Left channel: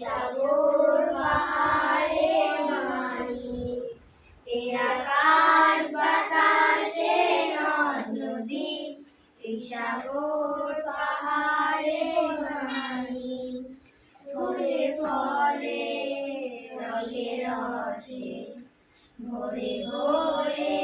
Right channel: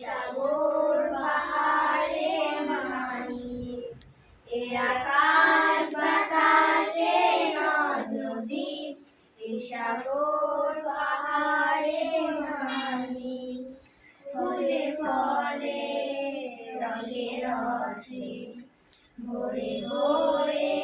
সাগর পাহাড়ে মানি, এ আকাশ বাতাসে নদ নদী, এ সাগর পাহাড়ে মানি। ফুলে ফলে রসে রসে ভরে ভরে